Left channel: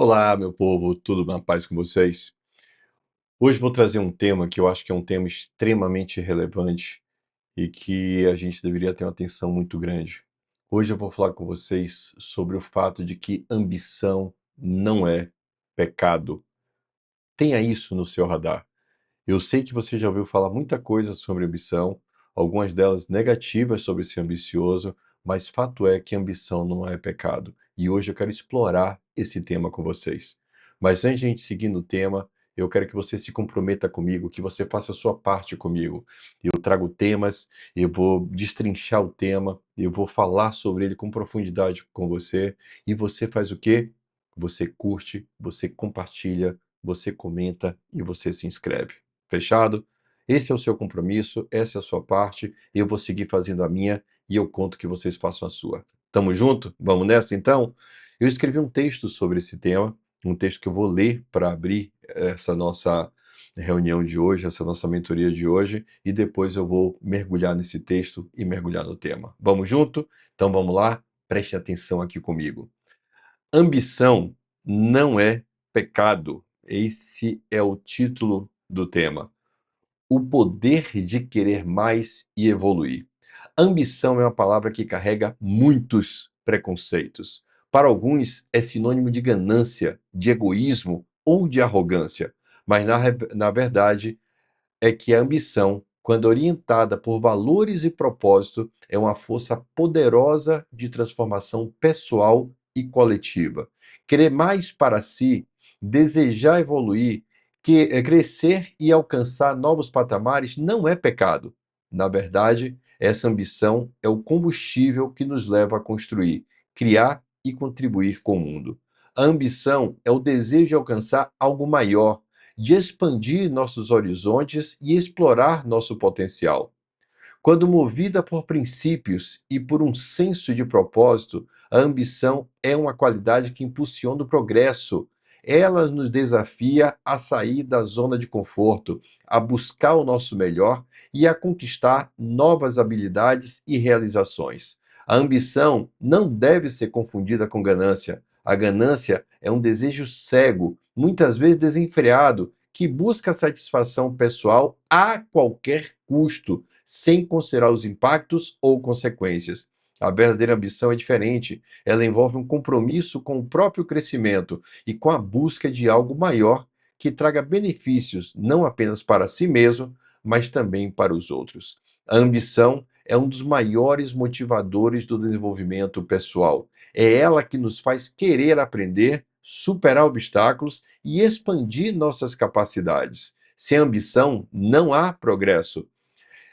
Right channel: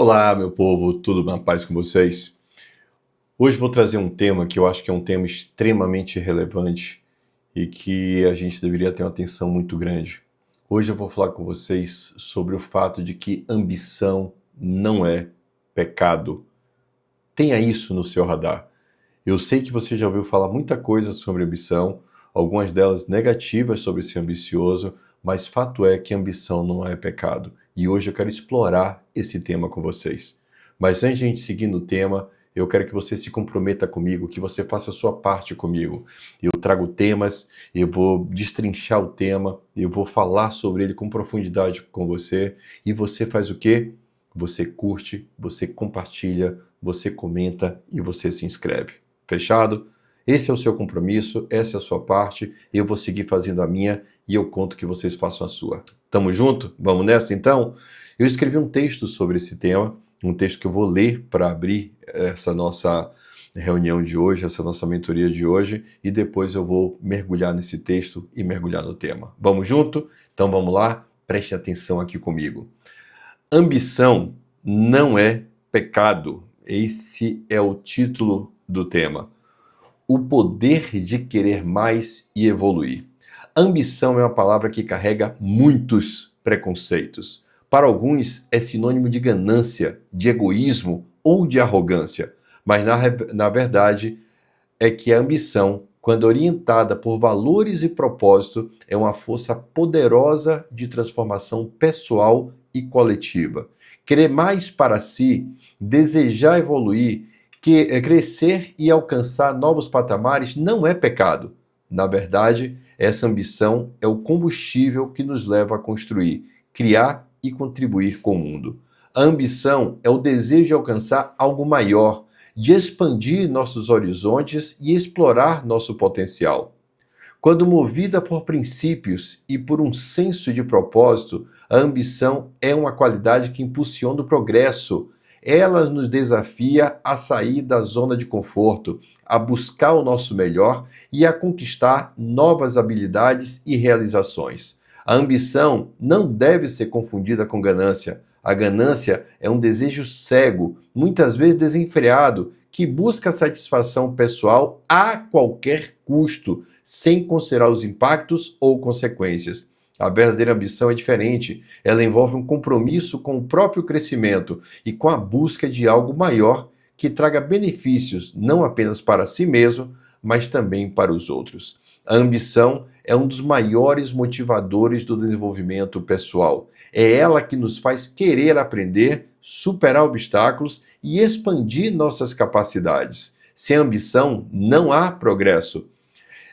Olá, meu povo, tudo na paz com vocês? Hoje vou trazer um tema que eu acho que é um tema extremamente relevante e que a gente deveria ter uma atenção muito grande. Hoje eu vou falar com vocês sobre o fato de que ambição não é pecado. Tenha isso no seu radar. Eu sei que você já ouviu falar muita coisa sobre ambição, algumas delas negativas sobre ser ambicioso, mas fato é que ambição não é pecado. E hoje eu quero explorar esse tema com vocês. Mas antes de a gente seguir no tema, eu quero que você se comprometa comigo, que você faça a sua parte comigo. Eu trago temas, eu vou destrinchar o tema, eu vou falar sobre ele com profundidade com você. E você faz o quê? Você curte, você compartilha, você comenta e você se inscreve. Fechado? Esse é o seu compromisso, essa é a sua parte, eu vou seguir fazendo a minha e eu conto que vocês façam a sua. Tamo junto? Vamos nessa então? Eu escrevi um texto sobre esse tema, um texto que eu vou ler para abrir essa nossa reunião de hoje, essa nossa mentoria de hoje, e depois eu vou mergulhar nesse texto e mergulhar no tema. Vamos junto? Então vamos lá? Preste atenção aqui comigo. Ambição não é pecado. Esse é o título do tema. O poder de querer mais e evoluir. Ambição é uma palavra que carrega muitos preconceitos. Para alguns é sinônimo de ganância, de egoísmo ou de arrogância. Mas na verdade é que a ambição, quando orientada por valores e propósito, é uma força poderosa de transformação pessoal e coletiva. Querer mais para si, desejar evoluir, crescer e alcançar novos patamares não é pecado. Na verdade, essa ambição é o combustível que nos leva a construir, criar e contribuir com o mundo. A ambição é o desejo de alcançar algo maior, de expandir nossos horizontes e explorar nosso potencial. Quando movida por princípios e por um senso de propósito, a ambição é uma qualidade que impulsiona o progresso. Ela nos desafia a sair da zona de conforto, a buscar o nosso melhor e a conquistar novas habilidades e realizações. A ambição não deve ser confundida com ganância. A ganância é um desejo cego, muitas vezes desenfreado, que busca satisfação pessoal a qualquer custo, sem considerar os impactos ou consequências. A verdadeira ambição é diferente. Ela envolve um compromisso com o próprio crescimento e com a busca de algo maior que traga benefícios não apenas para si mesmo, mas também para os outros. A ambição é um dos maiores motivadores do desenvolvimento pessoal. É ela que nos faz querer aprender, superar obstáculos e expandir nossas capacidades. Sem ambição, não há progresso.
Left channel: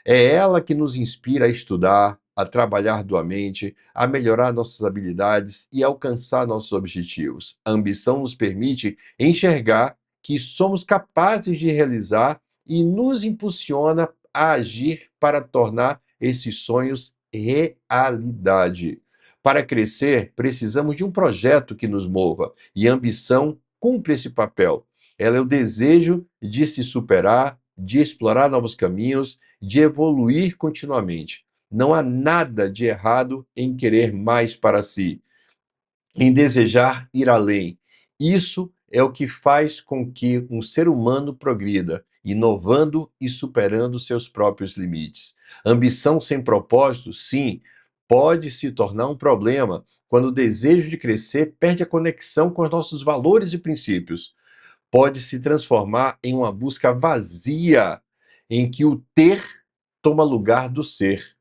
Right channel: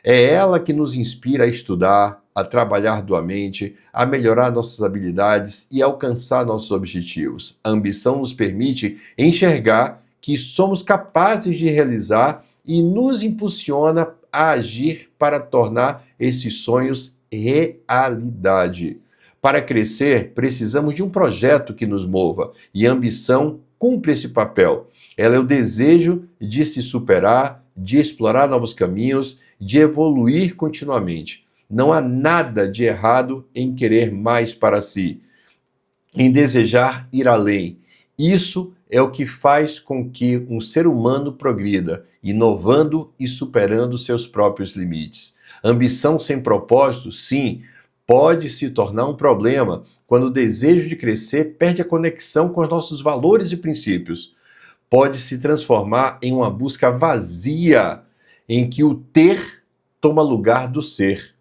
É ela que nos inspira a estudar, a trabalhar duramente, a melhorar nossas habilidades e alcançar nossos objetivos. A ambição nos permite enxergar que somos capazes de realizar e nos impulsiona a agir para tornar esses sonhos realidade. Para crescer, precisamos de um projeto que nos mova, e a ambição cumpre esse papel. Ela é o desejo de se superar, de explorar novos caminhos, de evoluir continuamente. Não há nada de errado em querer mais para si, em desejar ir além. Isso é o que faz com que um ser humano progrida, inovando e superando seus próprios limites. Ambição sem propósito, sim, pode se tornar um problema quando o desejo de crescer perde a conexão com os nossos valores e princípios. Pode se transformar em uma busca vazia, em que o ter toma lugar do ser.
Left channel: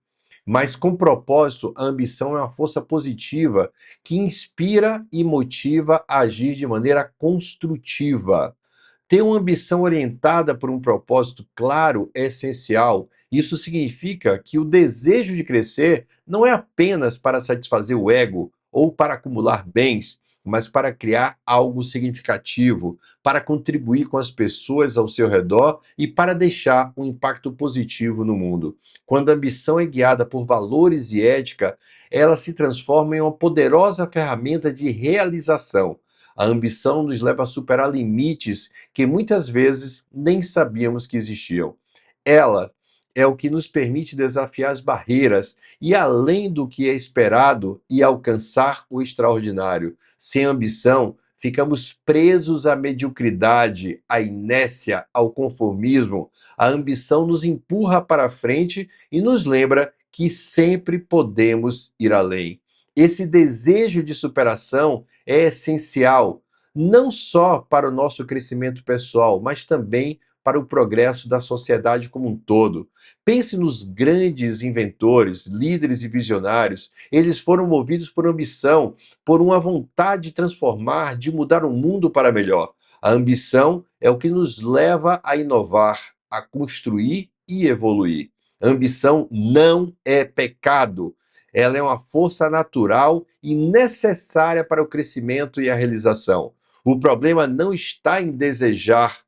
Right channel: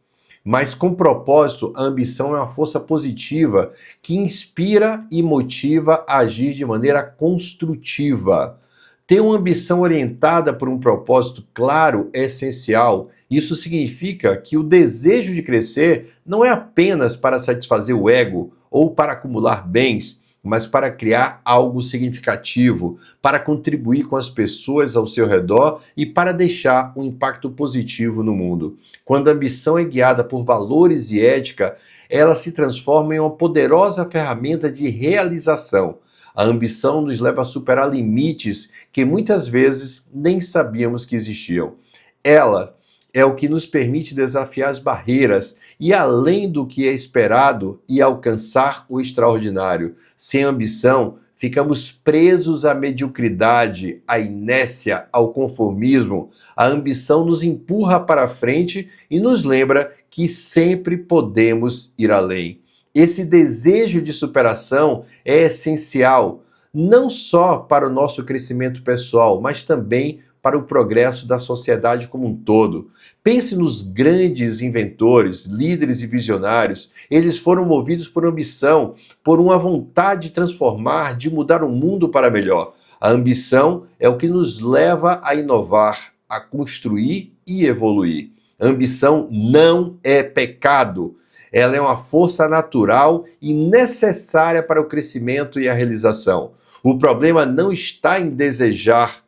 Mas com propósito, a ambição é uma força positiva que inspira e motiva a agir de maneira construtiva. Ter uma ambição orientada por um propósito claro é essencial. Isso significa que o desejo de crescer não é apenas para satisfazer o ego ou para acumular bens, mas para criar algo significativo, para contribuir com as pessoas ao seu redor e para deixar um impacto positivo no mundo. Quando a ambição é guiada por valores e ética, ela se transforma em uma poderosa ferramenta de realização. A ambição nos leva a superar limites que muitas vezes nem sabíamos que existiam. Ela é o que nos permite desafiar as barreiras e além do que é esperado e alcançar o extraordinário. Sem ambição, ficamos presos à mediocridade, à inércia, ao conformismo. A ambição nos empurra para frente e nos lembra que sempre podemos ir além. Esse desejo de superação é essencial, não só para o nosso crescimento pessoal, mas também para o progresso da sociedade como um todo. Pense nos grandes inventores, líderes e visionários. Eles foram movidos por ambição, por uma vontade de transformar, de mudar o mundo para melhor. A ambição é o que nos leva a inovar, a construir e evoluir. A ambição não é pecado. Ela é uma força natural e necessária para o crescimento e a realização. O problema não está em desejar,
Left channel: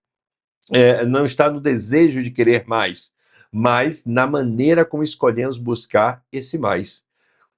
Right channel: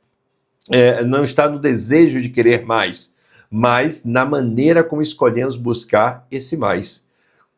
não está no desejo de querer mais, mas na maneira como escolhemos buscar esse mais.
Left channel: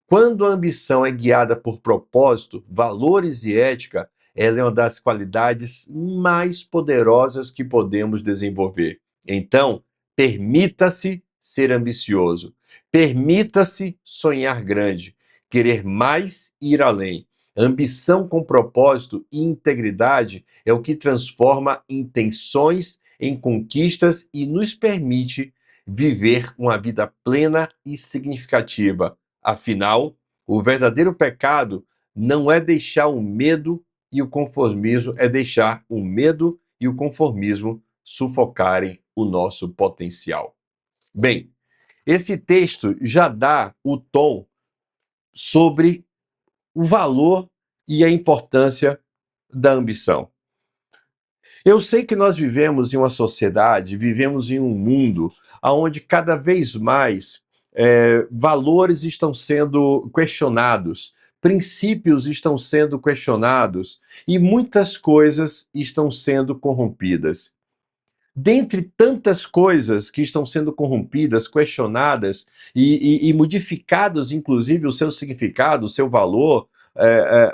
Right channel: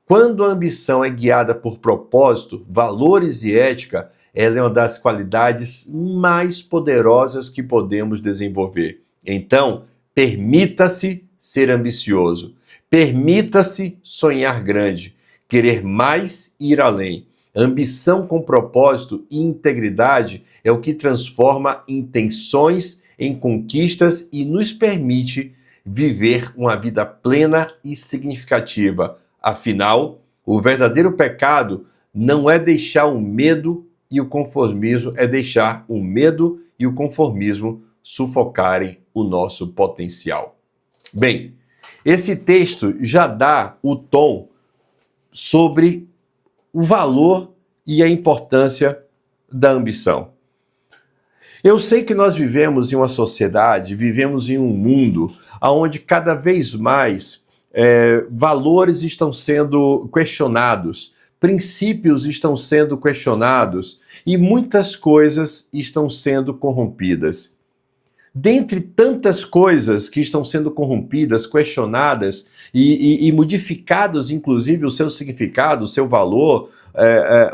Quando a ambição é guiada por propósito, valores e ética, ela é uma das qualidades mais poderosas que podemos desenvolver. Então, permita-se ser ambicioso. Permita-se sonhar grande, querer mais e ir além. Ambição com propósito e integridade é o que transforma intenções em conquistas e nos permite viver uma vida plena e significativa. Afinal, o verdadeiro pecado não é deixar o medo e o conformismo, é deixar o medo e o conformismo sufocarem o nosso potencial. Bem, esse texto já dá o tom sobre o valor e a importância da ambição. Eu sei que nós vivemos em uma sociedade, vivemos em um mundo onde cada vez mais valores estão sendo questionados, princípios estão sendo questionados e muitas coisas estão sendo corrompidas. Dentre tantas coisas que estão sendo corrompidas, questionadas e modificados, inclusive, o seu significado, o seu valor,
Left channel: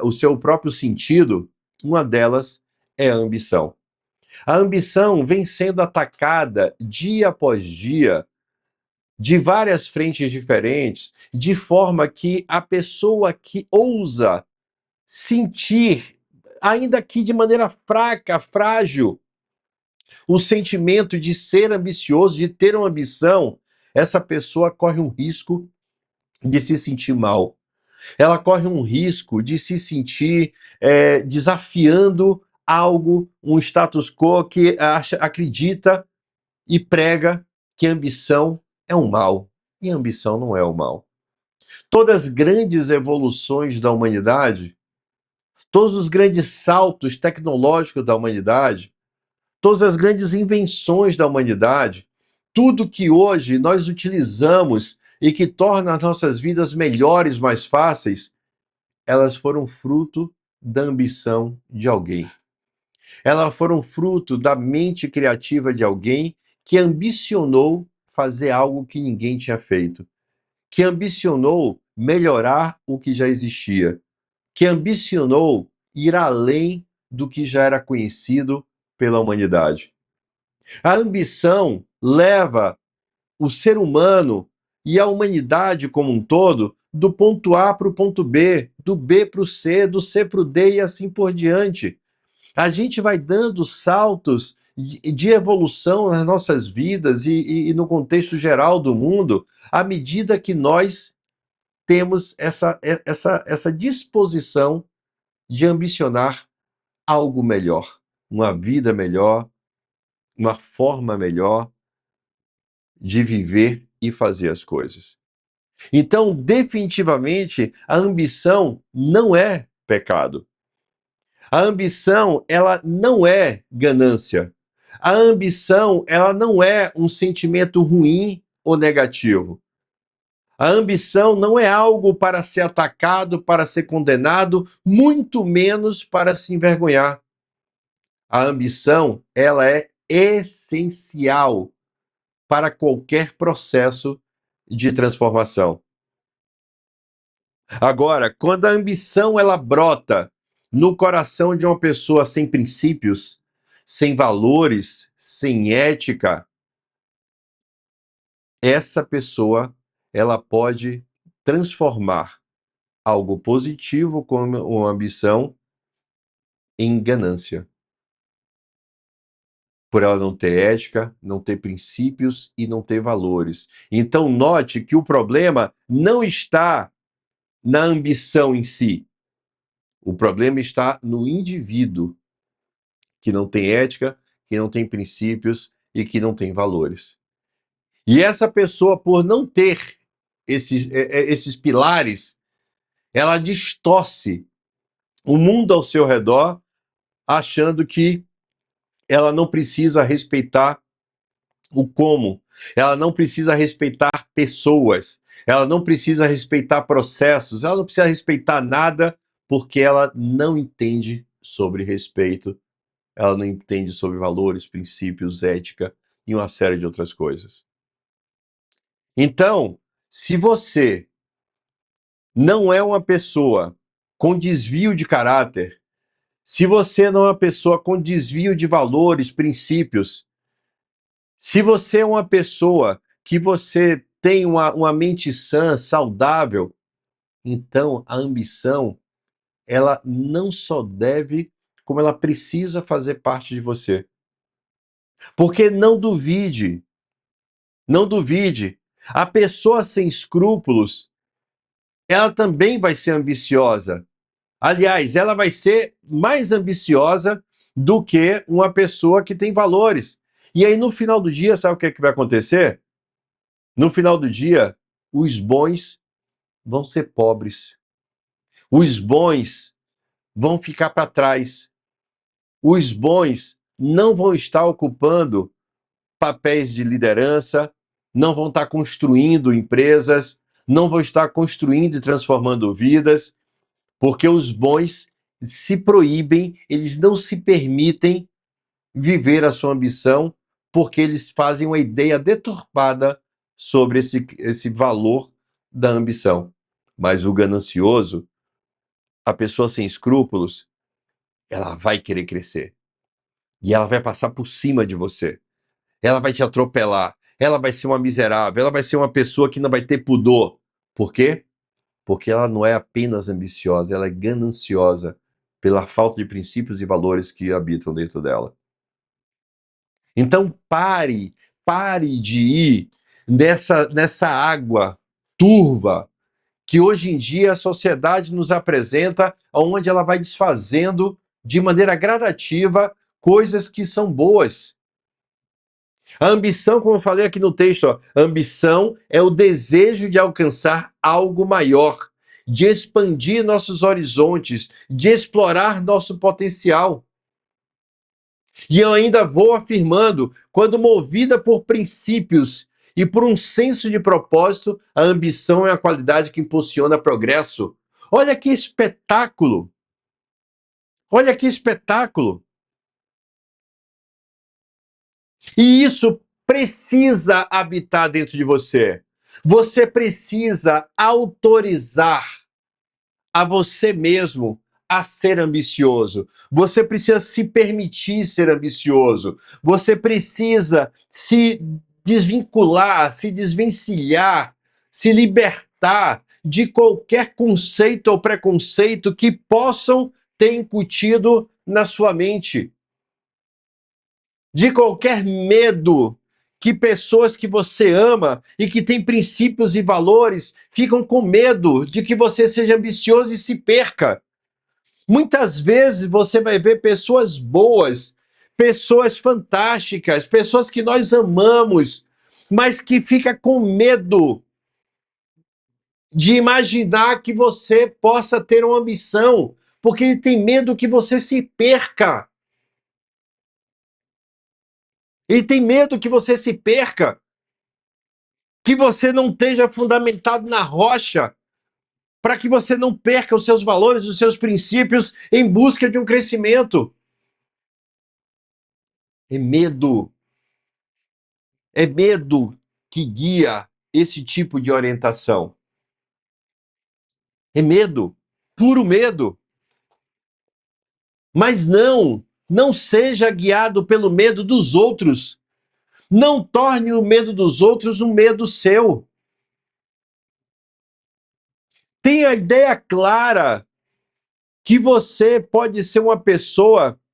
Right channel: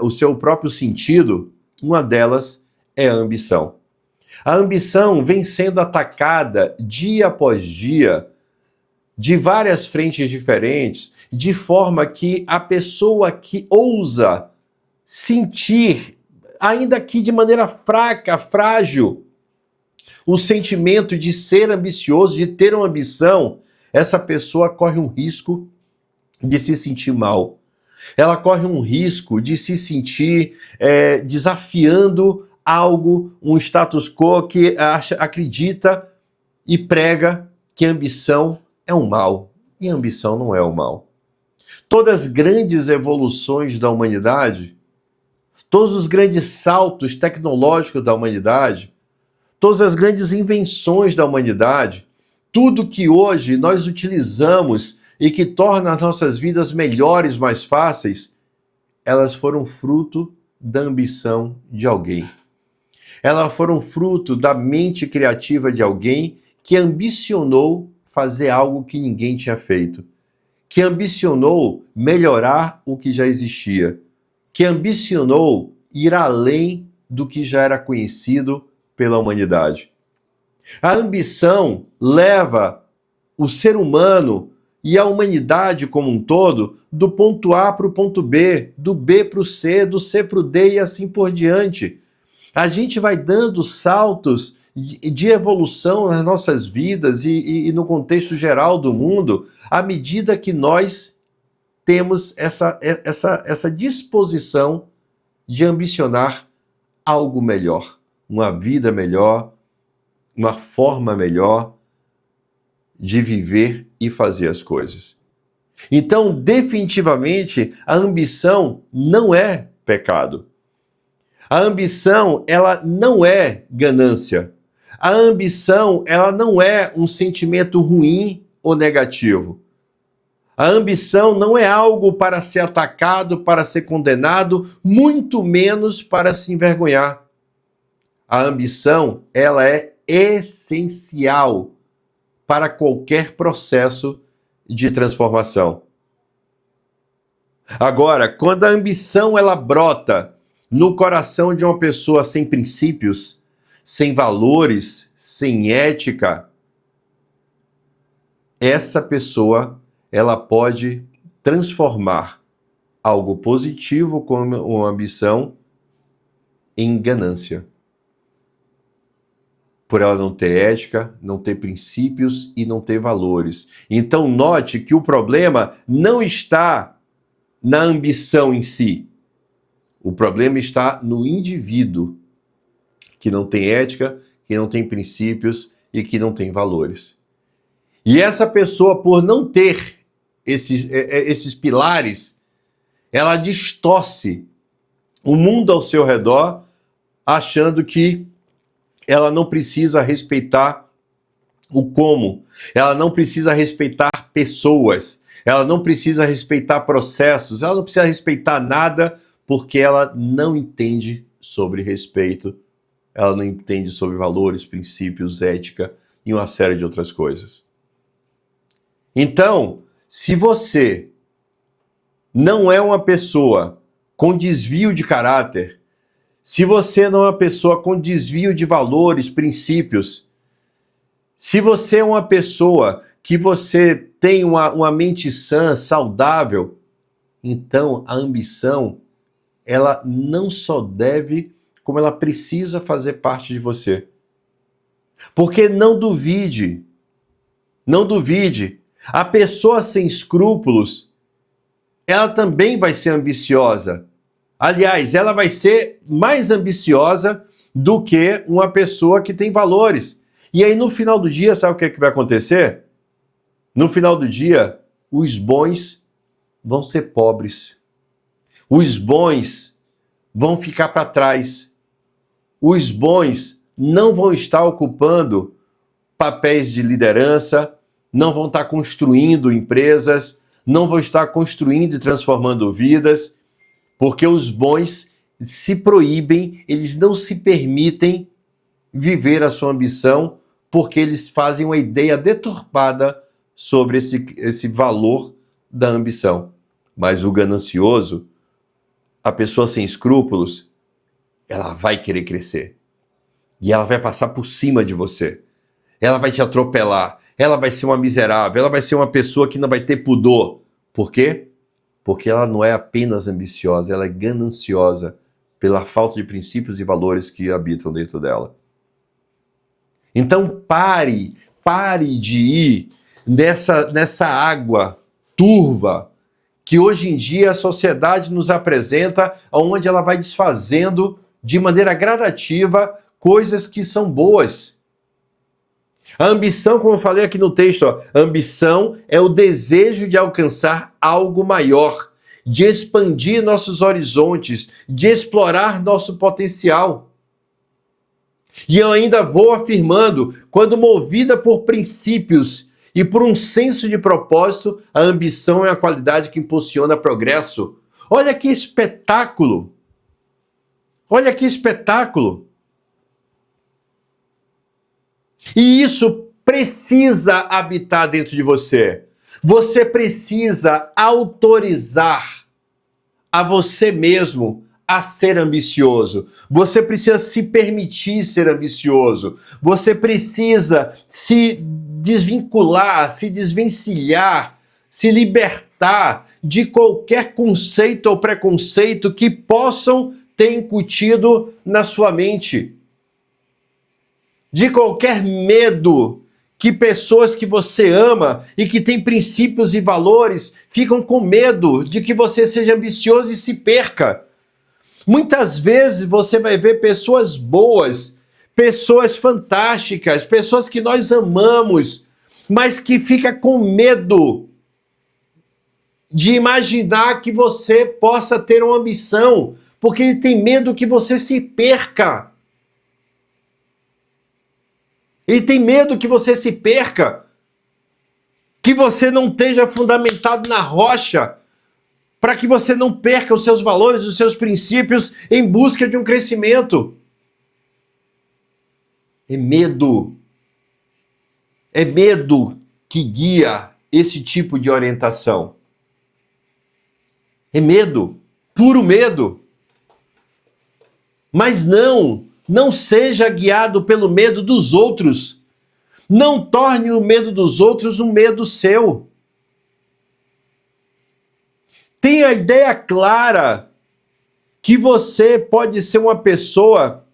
o seu próprio sentido, uma delas é a ambição. A ambição vem sendo atacada dia após dia, de várias frentes diferentes, de forma que a pessoa que ousa sentir, ainda que de maneira fraca, frágil, o sentimento de ser ambicioso, de ter uma ambição, essa pessoa corre um risco de se sentir mal. Ela corre um risco de se sentir desafiando algo, um status quo que acredita e prega que ambição é um mal. E ambição não é o mal. Todas as grandes evoluções da humanidade, todos os grandes saltos tecnológicos da humanidade, todas as grandes invenções da humanidade, tudo que hoje nós utilizamos e que torna as nossas vidas melhores, mais fáceis, elas foram fruto da ambição de alguém. Elas foram fruto da mente criativa de alguém que ambicionou fazer algo que ninguém tinha feito, que ambicionou melhorar o que já existia, que ambicionou ir além do que já era conhecido pela humanidade. A ambição leva o ser humano e a humanidade como um todo do ponto A para o ponto B, do B para o C, do C para o D e assim por diante. A gente vai dando saltos de evolução nas nossas vidas e no contexto geral do mundo à medida que nós temos essa disposição de ambicionar algo melhor, uma vida melhor, uma forma melhor de viver e fazer as coisas. Então, definitivamente, a ambição não é pecado. A ambição, ela não é ganância. A ambição, ela não é um sentimento ruim ou negativo. A ambição não é algo para ser atacado, para ser condenado, muito menos para se envergonhar. A ambição, ela é essencial para qualquer processo de transformação. Agora, quando a ambição ela brota no coração de uma pessoa sem princípios, sem valores, sem ética, essa pessoa ela pode transformar algo positivo como uma ambição em ganância. Por ela não ter ética, não ter princípios e não ter valores. Então note que o problema não está na ambição em si. O problema está no indivíduo que não tem ética, que não tem princípios e que não tem valores. E essa pessoa, por não ter esses pilares, ela distorce o mundo ao seu redor, achando que ela não precisa respeitar o como, ela não precisa respeitar pessoas, ela não precisa respeitar processos, ela não precisa respeitar nada, porque ela não entende sobre respeito, ela não entende sobre valores, princípios, ética e uma série de outras coisas. Então, se você não é uma pessoa com desvio de caráter, se você não é uma pessoa com desvio de valores, princípios, se você é uma pessoa que você tem uma mente sã, saudável, então a ambição, ela não só deve, como ela precisa fazer parte de você. Porque não duvide, a pessoa sem escrúpulos, ela também vai ser ambiciosa. Aliás, ela vai ser mais ambiciosa do que uma pessoa que tem valores. E aí, no final do dia, sabe o que vai acontecer? No final do dia, os bons vão ser pobres. Os bons vão ficar para trás. Os bons não vão estar ocupando papéis de liderança, não vão estar construindo empresas, não vão estar construindo e transformando vidas, porque os bons se proíbem, eles não se permitem viver a sua ambição, porque eles fazem uma ideia deturpada sobre esse valor da ambição. Mas o ganancioso, a pessoa sem escrúpulos, ela vai querer crescer. E ela vai passar por cima de você. Ela vai te atropelar. Ela vai ser uma miserável. Ela vai ser uma pessoa que não vai ter pudor. Por quê? Porque ela não é apenas ambiciosa, ela é gananciosa pela falta de princípios e valores que habitam dentro dela. Então pare de ir nessa água turva que hoje em dia a sociedade nos apresenta, onde ela vai desfazendo de maneira gradativa coisas que são boas. A ambição, como eu falei aqui no texto, a ambição é o desejo de alcançar algo maior, de expandir nossos horizontes, de explorar nosso potencial. E eu ainda vou afirmando, quando movida por princípios e por um senso de propósito, a ambição é a qualidade que impulsiona progresso. Olha que espetáculo! Olha que espetáculo! E isso precisa habitar dentro de você. Você precisa autorizar a você mesmo a ser ambicioso. Você precisa se permitir ser ambicioso. Você precisa se desvincular, se desvencilhar, se libertar de qualquer conceito ou preconceito que possam ter incutido na sua mente. De qualquer medo que pessoas que você ama e que têm princípios e valores ficam com medo de que você seja ambicioso e se perca. Muitas vezes você vai ver pessoas boas, pessoas fantásticas, pessoas que nós amamos, mas que fica com medo de imaginar que você possa ter uma ambição, porque ele tem medo que você se perca. Ele tem medo que você se perca, que você não esteja fundamentado na rocha, para que você não perca os seus valores, os seus princípios em busca de um crescimento. É medo. É medo que guia esse tipo de orientação. É medo, puro medo. Mas não seja guiado pelo medo dos outros. Não torne o medo dos outros um medo seu. Tenha a ideia clara que você pode ser uma pessoa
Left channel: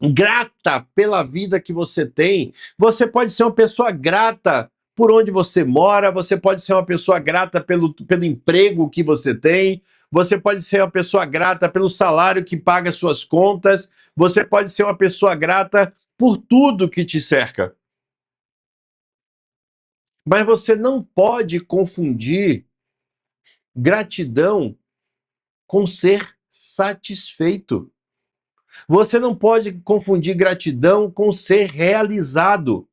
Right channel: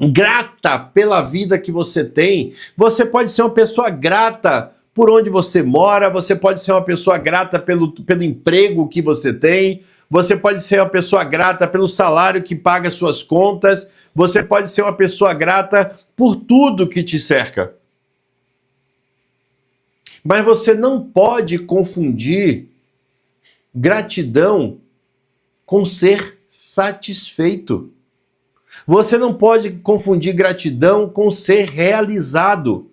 grata pela vida que você tem, você pode ser uma pessoa grata por onde você mora, você pode ser uma pessoa grata pelo emprego que você tem, você pode ser uma pessoa grata pelo salário que paga suas contas, você pode ser uma pessoa grata por tudo que te cerca. Mas você não pode confundir gratidão com ser satisfeito. Você não pode confundir gratidão com ser realizado.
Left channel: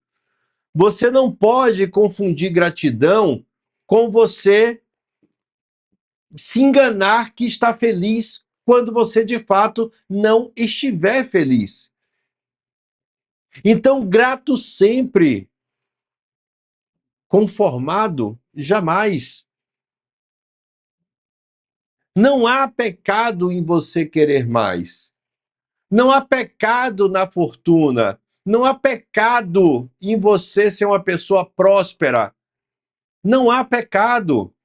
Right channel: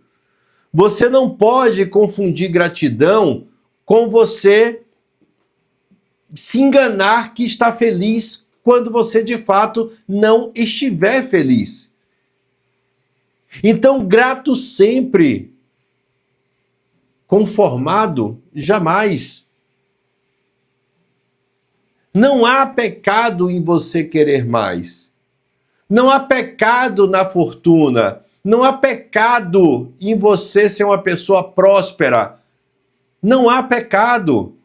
Você não pode confundir gratidão com você se enganar que está feliz quando você de fato não estiver feliz. Então, grato sempre, conformado jamais. Não há pecado em você querer mais. Não há pecado na fortuna. Não há pecado em você ser uma pessoa próspera. Não há pecado.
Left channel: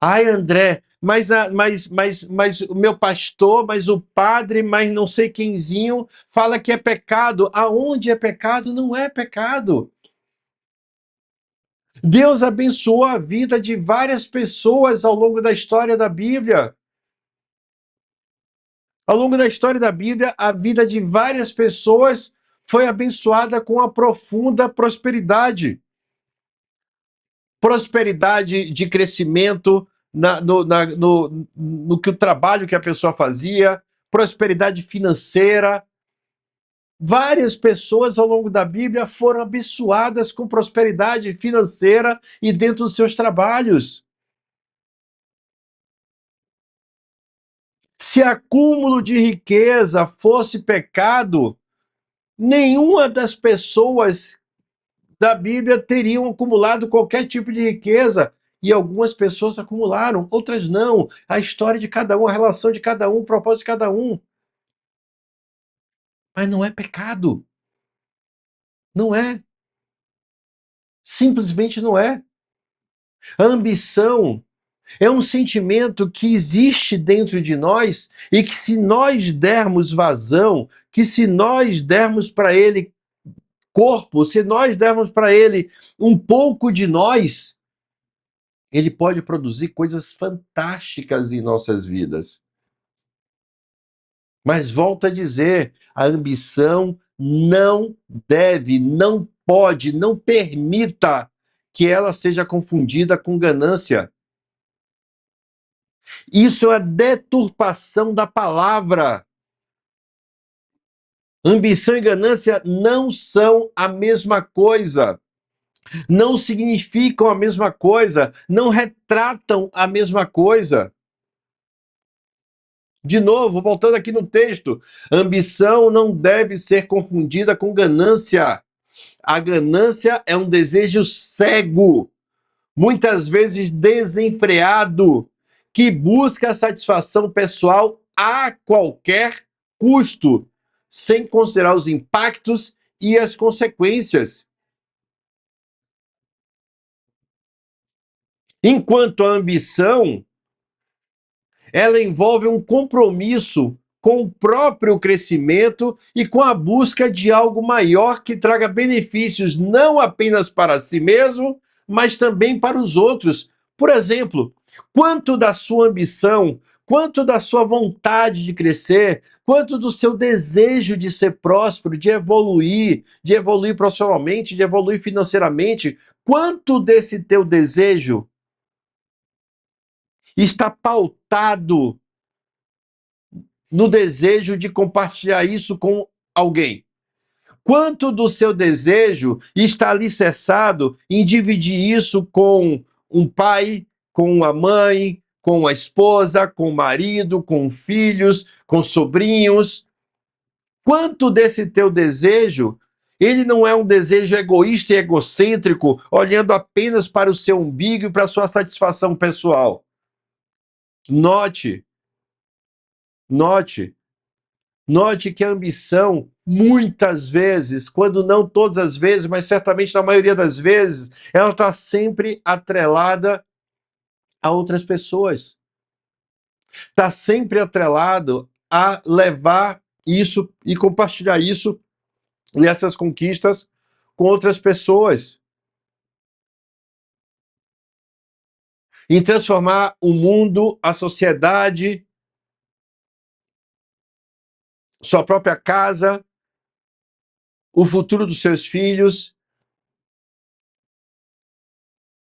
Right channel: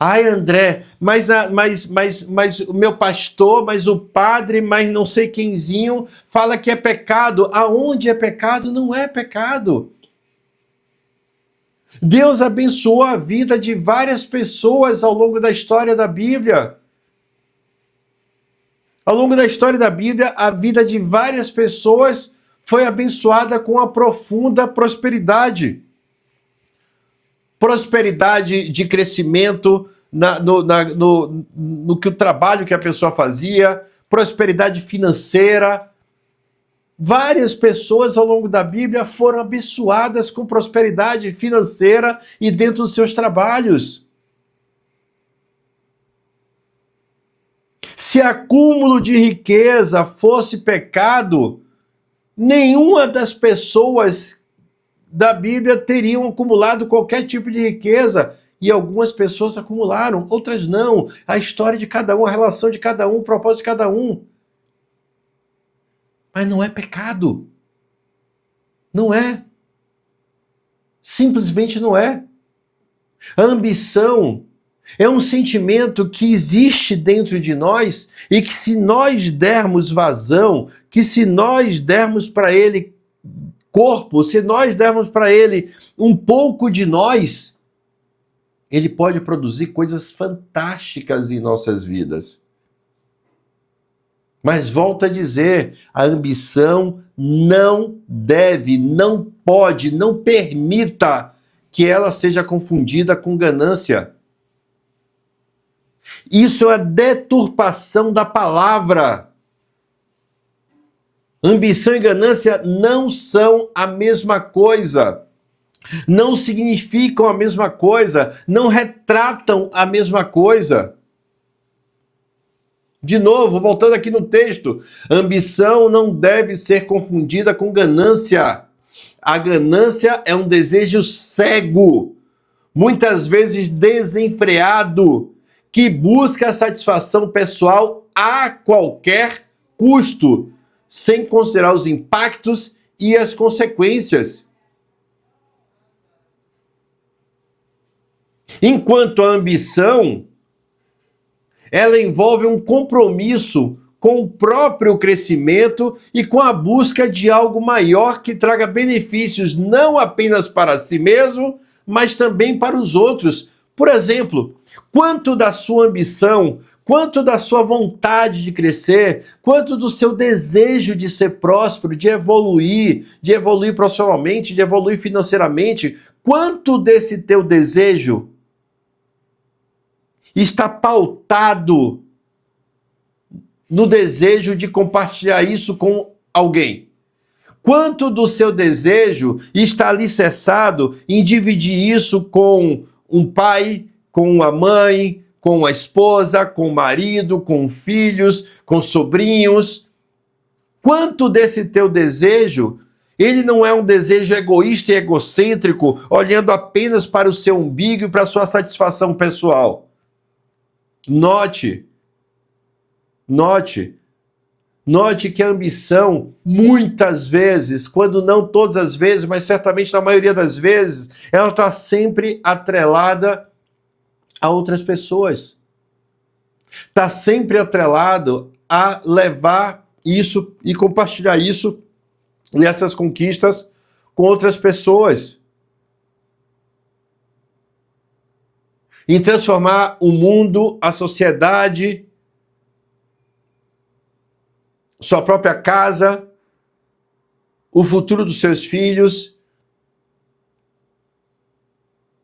Ai, André, mas o meu pastor, mas o padre, mas não sei quemzinho fala que é pecado. Aonde é pecado, não é pecado. Deus abençoou a vida de várias pessoas ao longo da história da Bíblia. Ao longo da história da Bíblia, a vida de várias pessoas foi abençoada com a profunda prosperidade. Prosperidade de crescimento no que o trabalho que a pessoa fazia, prosperidade financeira. Várias pessoas ao longo da Bíblia foram abençoadas com prosperidade financeira e dentro dos seus trabalhos. Se acúmulo de riqueza fosse pecado, nenhuma das pessoas da Bíblia teriam acumulado qualquer tipo de riqueza. E algumas pessoas acumularam, outras não. A história de cada um, a relação de cada um, o propósito de cada um. Mas não é pecado. Não é. Simplesmente não é. A ambição é um sentimento que existe dentro de nós e que se nós dermos vazão, que se nós dermos para ele corpo, se nós dermos para ele um pouco de nós, ele pode produzir coisas fantásticas em nossas vidas. Mas volto a dizer, a ambição não deve, não pode, não permita que ela seja confundida com ganância. Isso é a deturpação da palavra. Ambição e ganância não são a mesma coisa. Não significam a mesma coisa, não retratam a mesma coisa. De novo, voltando aqui no texto, ambição não deve ser confundida com ganância. A ganância é um desejo cego, muitas vezes desenfreado, que busca a satisfação pessoal a qualquer custo, sem considerar os impactos e as consequências. Enquanto a ambição, ela envolve um compromisso com o próprio crescimento e com a busca de algo maior que traga benefícios não apenas para si mesmo, mas também para os outros. Por exemplo, quanto da sua ambição, quanto da sua vontade de crescer, quanto do seu desejo de ser próspero, de evoluir profissionalmente, de evoluir financeiramente, quanto desse teu desejo está pautado no desejo de compartilhar isso com alguém? Quanto do seu desejo está alicerçado em dividir isso com um pai, com uma mãe, com uma esposa, com o marido, com filhos, com sobrinhos? Quanto desse teu desejo, ele não é um desejo egoísta e egocêntrico, olhando apenas para o seu umbigo e para a sua satisfação pessoal? Note que a ambição, muitas vezes, quando não todas as vezes, mas certamente na maioria das vezes, ela está sempre atrelada a outras pessoas. Está sempre atrelado a levar isso e compartilhar isso nessas conquistas com outras pessoas. E transformar o mundo, a sociedade, sua própria casa, o futuro dos seus filhos.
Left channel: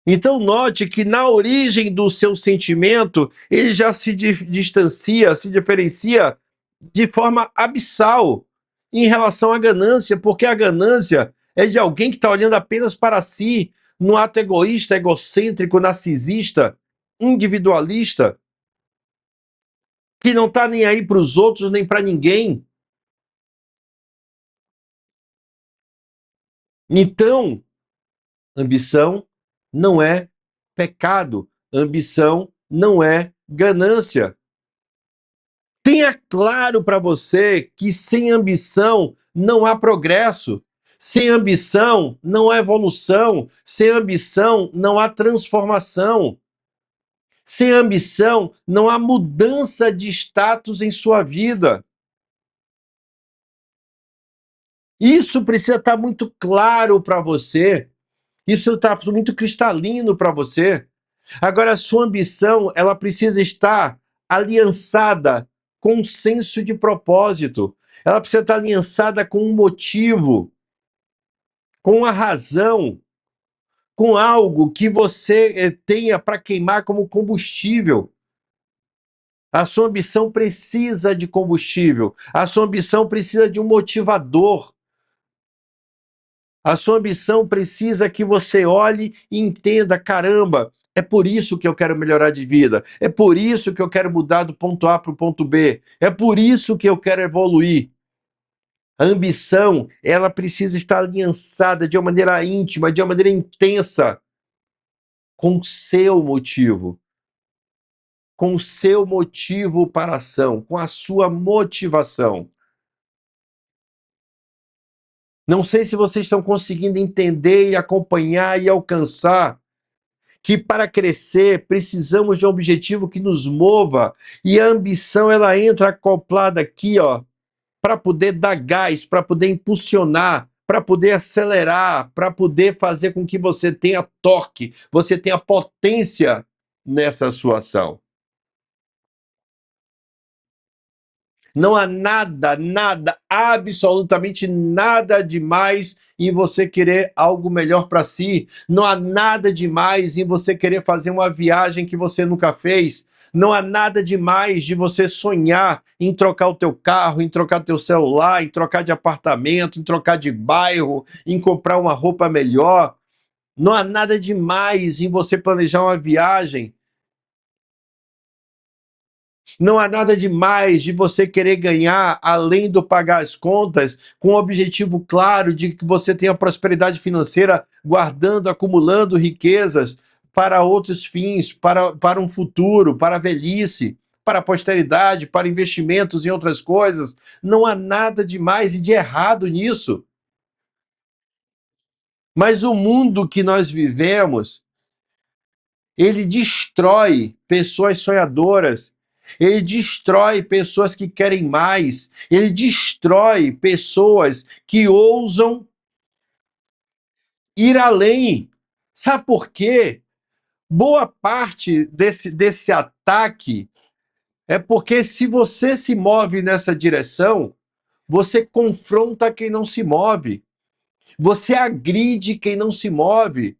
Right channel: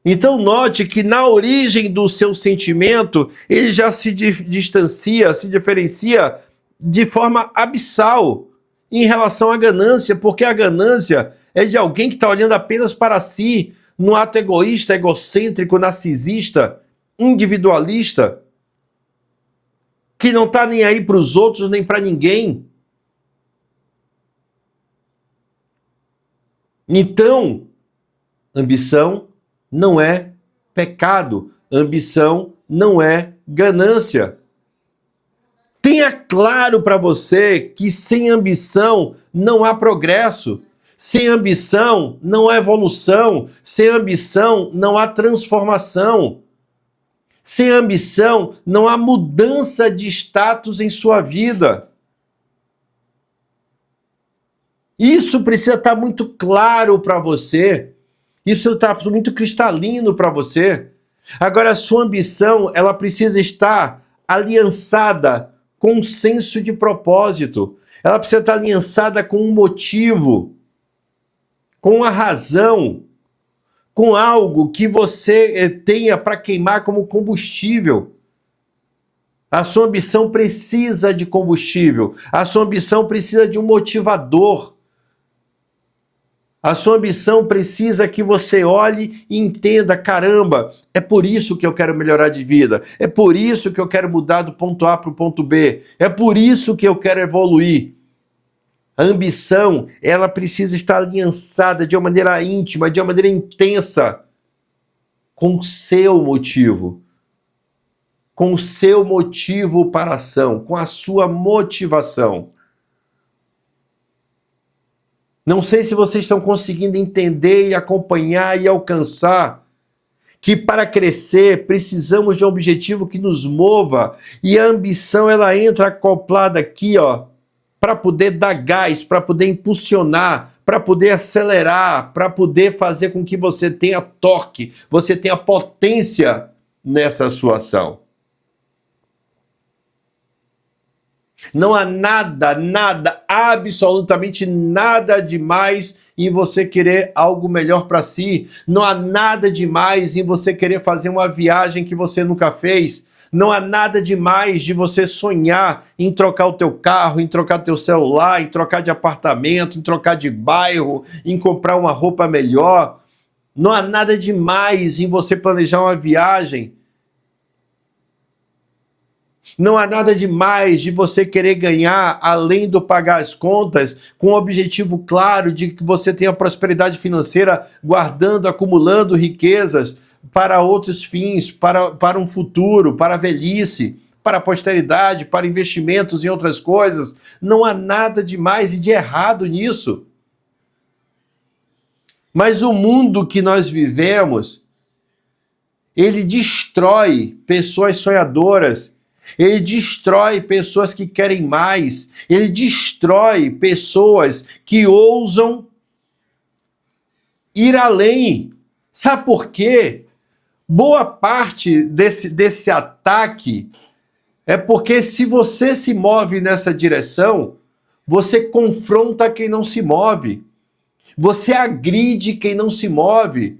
Então note que na origem do seu sentimento, ele já se distancia, se diferencia de forma abissal em relação à ganância, porque a ganância é de alguém que está olhando apenas para si, num ato egoísta, egocêntrico, narcisista, individualista, que não está nem aí para os outros, nem para ninguém. Então, ambição não é pecado, ambição não é ganância. Tenha claro para você que sem ambição não há progresso, sem ambição não há evolução, sem ambição não há transformação, sem ambição não há mudança de status em sua vida. Isso precisa estar muito claro para você. Isso está muito cristalino para você. Agora, a sua ambição, ela precisa estar aliançada com um senso de propósito. Ela precisa estar aliançada com um motivo, com a razão, com algo que você tenha para queimar como combustível. A sua ambição precisa de combustível. A sua ambição precisa de um motivador. A sua ambição precisa que você olhe e entenda, caramba, é por isso que eu quero melhorar de vida, é por isso que eu quero mudar do ponto A para o ponto B, é por isso que eu quero evoluir. A ambição, ela precisa estar aliançada de uma maneira íntima, de uma maneira intensa, com o seu motivo. Com o seu motivo para a ação, com a sua motivação. Não sei se vocês estão conseguindo entender e acompanhar e alcançar que para crescer precisamos de um objetivo que nos mova, e a ambição ela entra acoplada aqui, ó, para poder dar gás, para poder impulsionar, para poder acelerar, para poder fazer com que você tenha torque, você tenha potência nessa sua ação. Não há nada, absolutamente nada demais em você querer algo melhor para si. Não há nada demais em você querer fazer uma viagem que você nunca fez. Não há nada demais de você sonhar em trocar o teu carro, em trocar o teu celular, em trocar de apartamento, em trocar de bairro, em comprar uma roupa melhor. Não há nada demais em você planejar uma viagem. Não há nada demais de você querer ganhar, além do pagar as contas, com o objetivo claro de que você tenha prosperidade financeira, guardando, acumulando riquezas para outros fins, para um futuro, para a velhice, para a posteridade, para investimentos em outras coisas. Não há nada de mais e de errado nisso. Mas o mundo que nós vivemos, ele destrói pessoas sonhadoras. Ele destrói pessoas que querem mais. Ele destrói pessoas que ousam ir além. Sabe por quê? Boa parte desse ataque é porque se você se move nessa direção, você confronta quem não se move. Você agride quem não se move.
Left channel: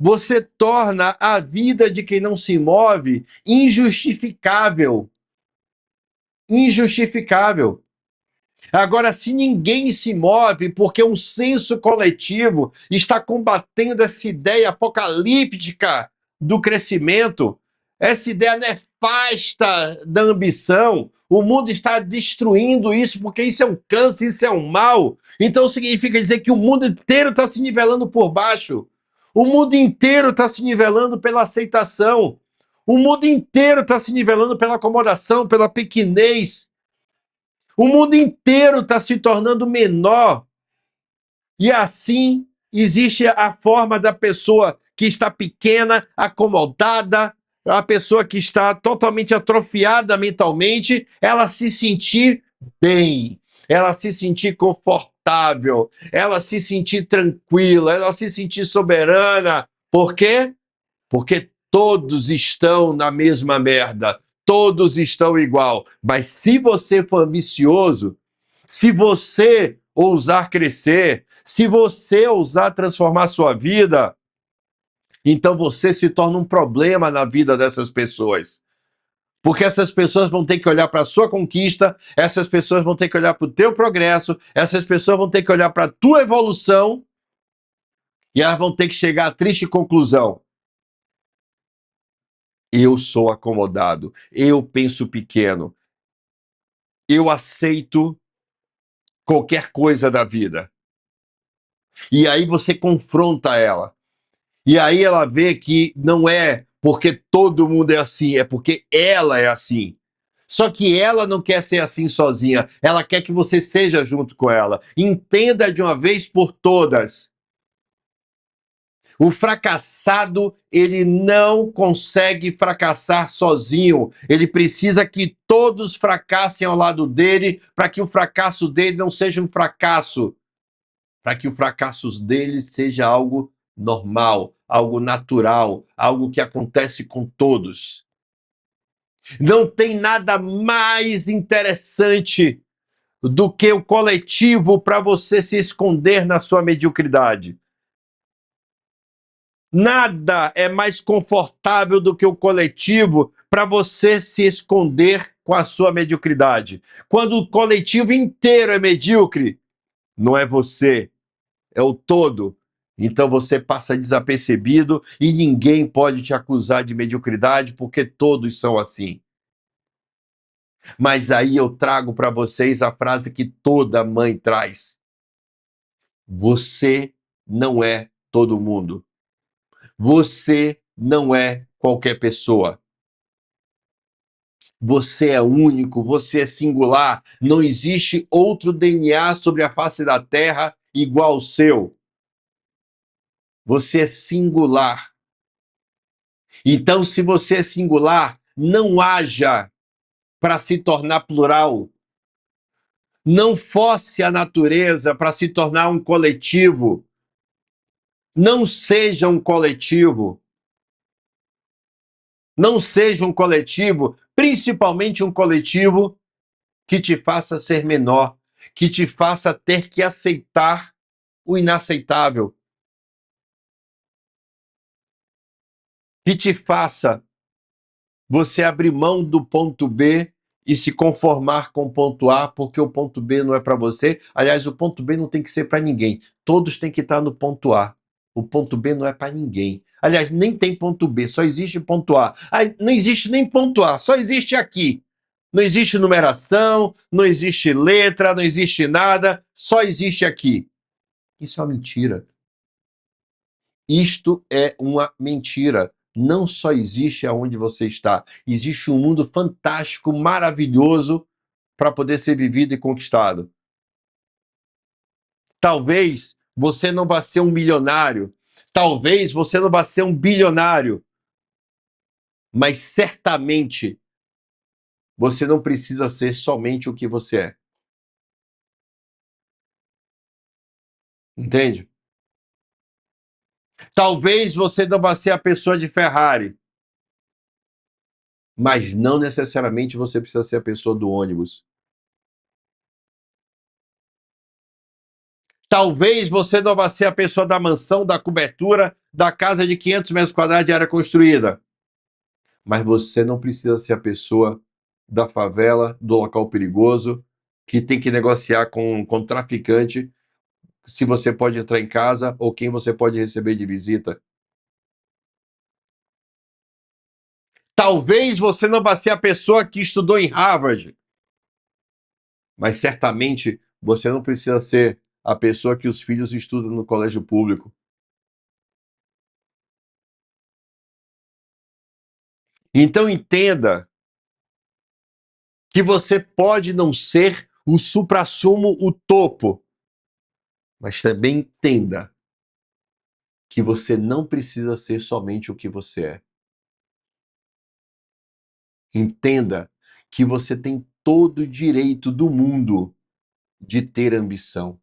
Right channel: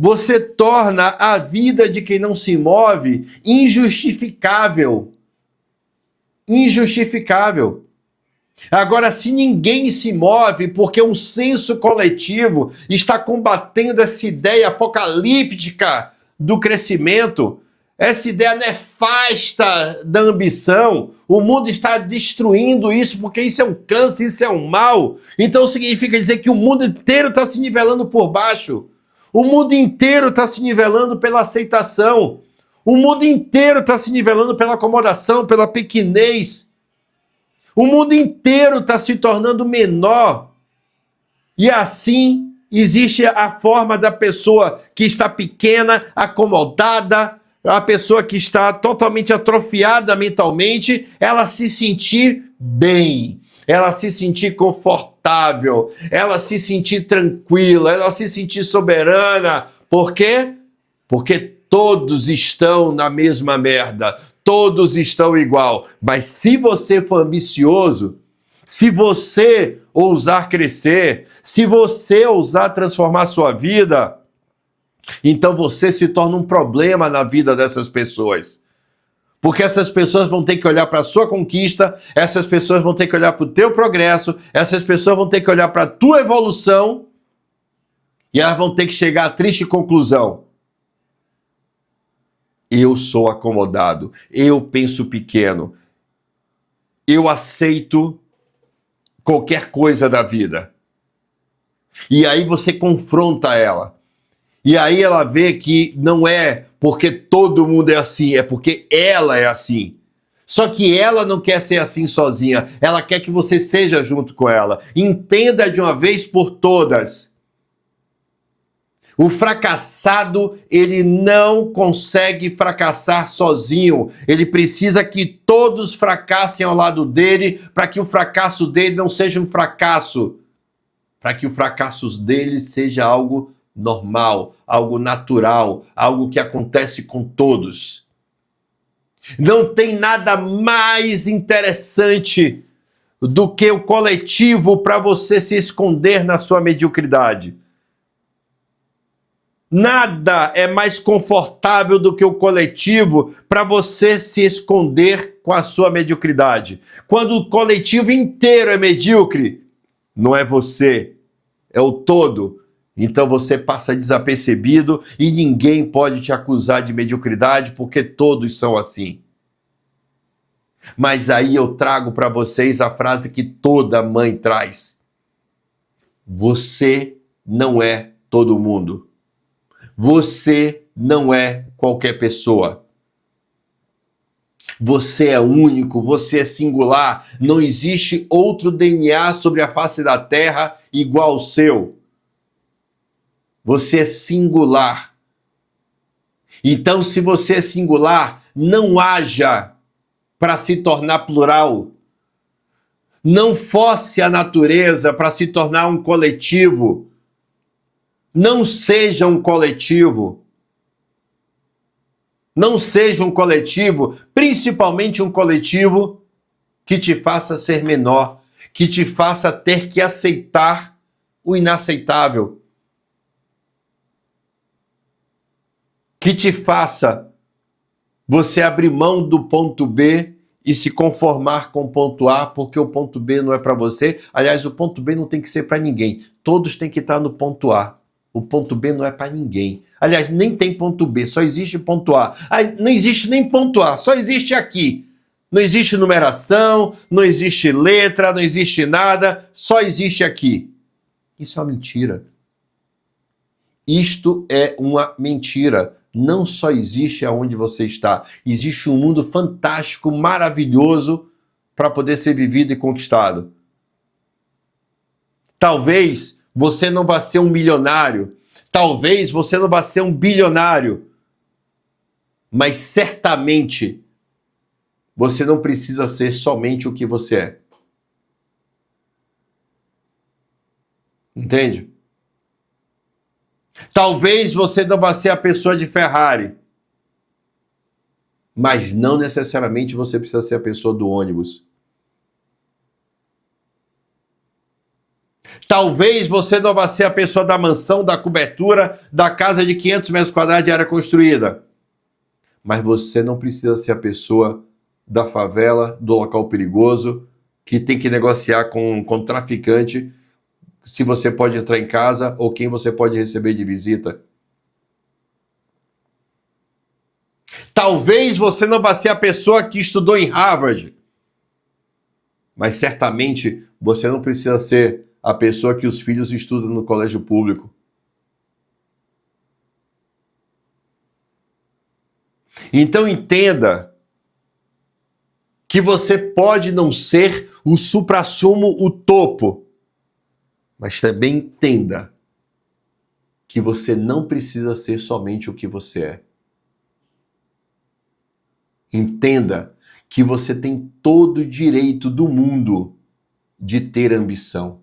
Você torna a vida de quem não se move injustificável. Injustificável. Agora, se ninguém se move porque um senso coletivo está combatendo essa ideia apocalíptica do crescimento, essa ideia nefasta da ambição, o mundo está destruindo isso porque isso é um câncer, isso é um mal. Então significa dizer que o mundo inteiro está se nivelando por baixo. O mundo inteiro está se nivelando pela aceitação. O mundo inteiro está se nivelando pela acomodação, pela pequenez. O mundo inteiro está se tornando menor. E assim existe a forma da pessoa que está pequena, acomodada, a pessoa que está totalmente atrofiada mentalmente, ela se sentir bem, ela se sentir confortável, ela se sentir tranquila, ela se sentir soberana. Por quê? Porque todos estão na mesma merda, todos estão igual. Mas se você for ambicioso, se você ousar crescer, se você ousar transformar sua vida, então você se torna um problema na vida dessas pessoas. Porque essas pessoas vão ter que olhar para a sua conquista, essas pessoas vão ter que olhar para o teu progresso, essas pessoas vão ter que olhar para a tua evolução e elas vão ter que chegar à triste conclusão: eu sou acomodado, eu penso pequeno, eu aceito qualquer coisa da vida. E aí você confronta ela. E aí ela vê que não é porque todo mundo é assim, é porque ela é assim. Só que ela não quer ser assim sozinha, ela quer que você seja junto com ela. Entenda de uma vez por todas. O fracassado, ele não consegue fracassar sozinho. Ele precisa que todos fracassem ao lado dele para que o fracasso dele não seja um fracasso. Para que o fracasso dele seja algo normal, algo natural, algo que acontece com todos. Não tem nada mais interessante do que o coletivo para você se esconder na sua mediocridade. Nada é mais confortável do que o coletivo para você se esconder com a sua mediocridade. Quando o coletivo inteiro é medíocre, não é você, é o todo. Então você passa desapercebido e ninguém pode te acusar de mediocridade porque todos são assim. Mas aí eu trago para vocês a frase que toda mãe traz: você não é todo mundo. Você não é qualquer pessoa. Você é único, você é singular. Não existe outro DNA sobre a face da Terra igual ao seu. Você é singular. Então, se você é singular, não haja para se tornar plural. Não force a natureza para se tornar um coletivo. Não seja um coletivo. Não seja um coletivo, principalmente um coletivo que te faça ser menor, que te faça ter que aceitar o inaceitável, que te faça você abrir mão do ponto B e se conformar com o ponto A, porque o ponto B não é para você. Aliás, o ponto B não tem que ser para ninguém. Todos têm que estar no ponto A. O ponto B não é para ninguém. Aliás, nem tem ponto B, só existe ponto A. Não existe nem ponto A, só existe aqui. Não existe numeração, não existe letra, não existe nada, só existe aqui. Isso é uma mentira. Isto é uma mentira. Não só existe aonde você está, existe um mundo fantástico, maravilhoso para poder ser vivido e conquistado. Talvez você não vá ser um milionário, talvez você não vá ser um bilionário, mas certamente você não precisa ser somente o que você é. Entende? Talvez você não vá ser a pessoa de Ferrari, mas não necessariamente você precisa ser a pessoa do ônibus. Talvez você não vá ser a pessoa da mansão, da cobertura, da casa de 500 metros quadrados de área construída. Mas você não precisa ser a pessoa da favela, do local perigoso, que tem que negociar com traficante se você pode entrar em casa ou quem você pode receber de visita. Talvez você não vá ser a pessoa que estudou em Harvard, mas certamente você não precisa ser a pessoa que os filhos estudam no colégio público. Então entenda que você pode não ser o suprassumo, o topo, mas também entenda que você não precisa ser somente o que você é. Entenda que você tem todo o direito do mundo de ter ambição.